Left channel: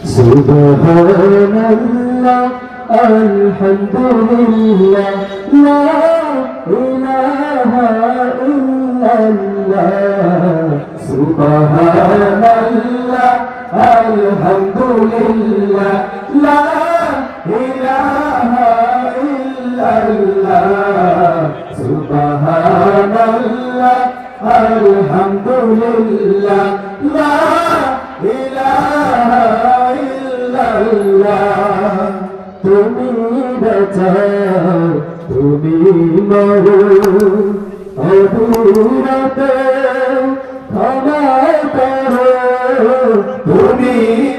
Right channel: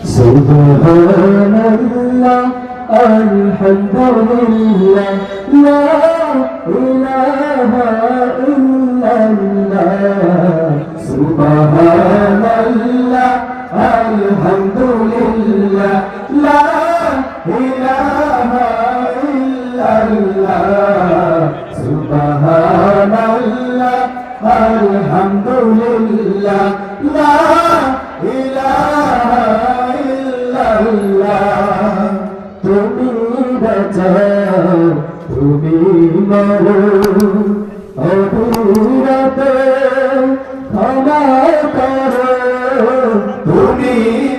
সুবহানাল্লাহ আলহামদুলিল্লাহ লা ইলাহা ইল্লাল্লাহ সুবহানাল্লাহ আলহামদুলিল্লাহ লা ইলাহা ইল্লাল্লাহ সুবহানাল্লাহ আলহামদুলিল্লাহ লা ইলাহা ইল্লাল্লাহ তুমি বাঁচাও তুমি মারো অধুরাতে ক্ষমা করো তুমি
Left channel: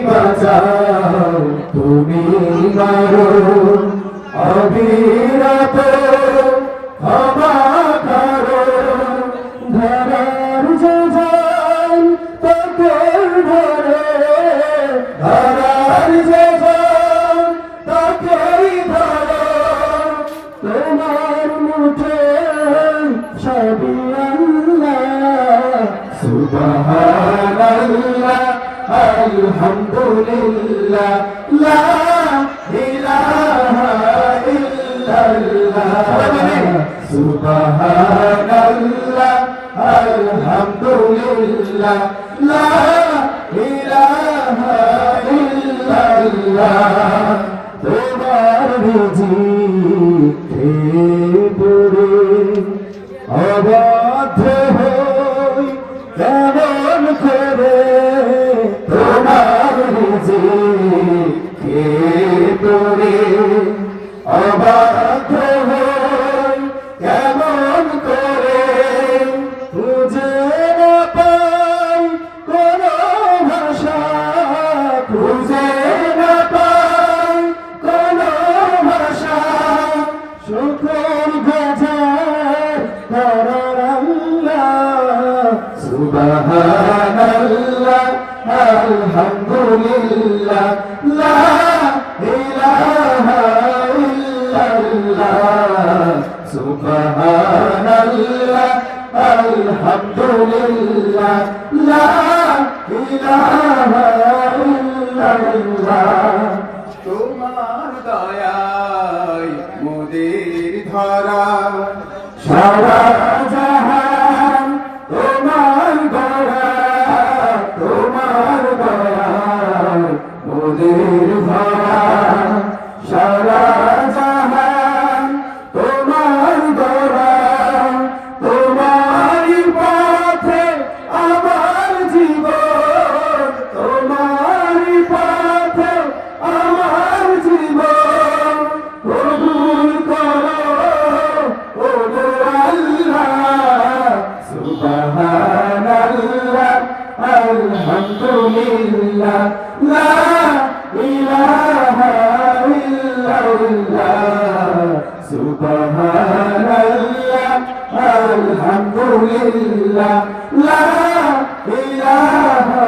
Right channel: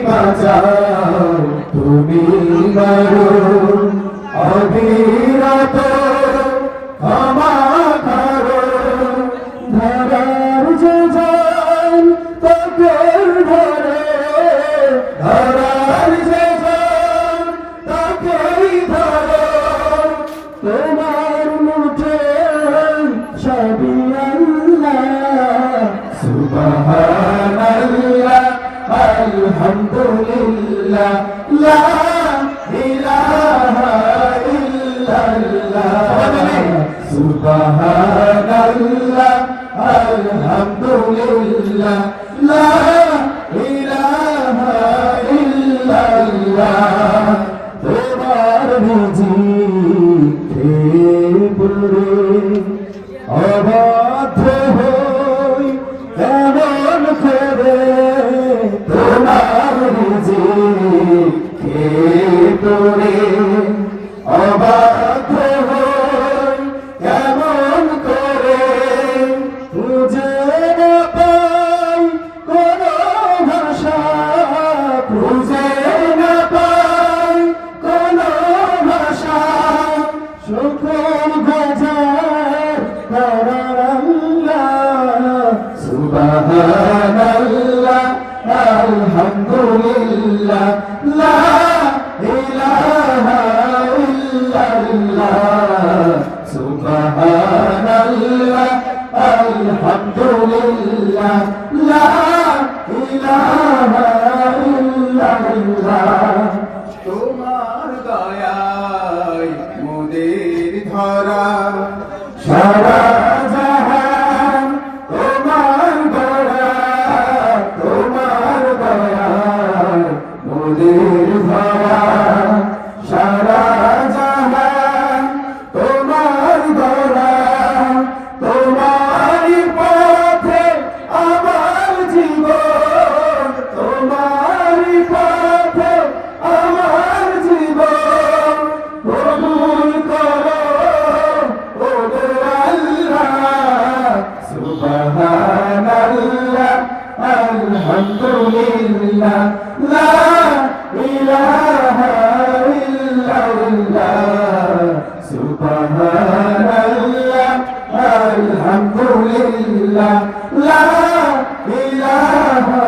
বাঁচাও তুমি মারো অধুরাতে ক্ষমা করো ধরার যোজন তোকে ধরে ধরার যোজন তোকেই ধরো তোমার মুঠে সবই আল্লাহ সুবহানাল্লাহ আলহামদুলিল্লাহ লা ইলাহা ইল্লাল্লাহ সুবহানাল্লাহ আলহামদুলিল্লাহ লা ইলাহা ইল্লাল্লাহ তোমার জিকির পড়ে অবাধ্য হই এমন করে তোমার জিকির পড়ে অবাধ্য হই এমন করে খুঁজে না পাই কোনো ভাষা খুঁজে না পাই কোনো ভাষা শুকর বাজার আল্লাহ সুবহানাল্লাহ আলহামদুলিল্লাহ লা ইলাহা ইল্লাল্লাহ সুবহানাল্লাহ আলহামদুলিল্লাহ লা ইলাহা ইল্লাল্লাহ তোমার দয়ায় মুদের ধরা সারা জাহান তোমার দয়া তোমার দয়ায় মোদের ভরা সারা জাহান তোমার দয়া তোমার পথে আমার জীবন তোমার পথে আমার জীবন কবুল করো ও আল্লাহ সুবহানাল্লাহ আলহামদুলিল্লাহ লা ইলাহা ইল্লাল্লাহ সুবহানাল্লাহ আলহামদুলিল্লাহ লা ইলাহা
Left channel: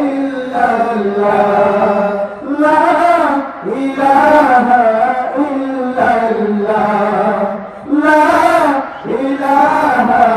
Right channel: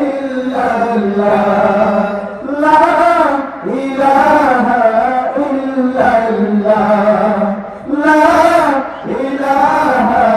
ইল্লাল্লাহ লা ইলাহা ইল্লাল্লাহ লা ইলাহা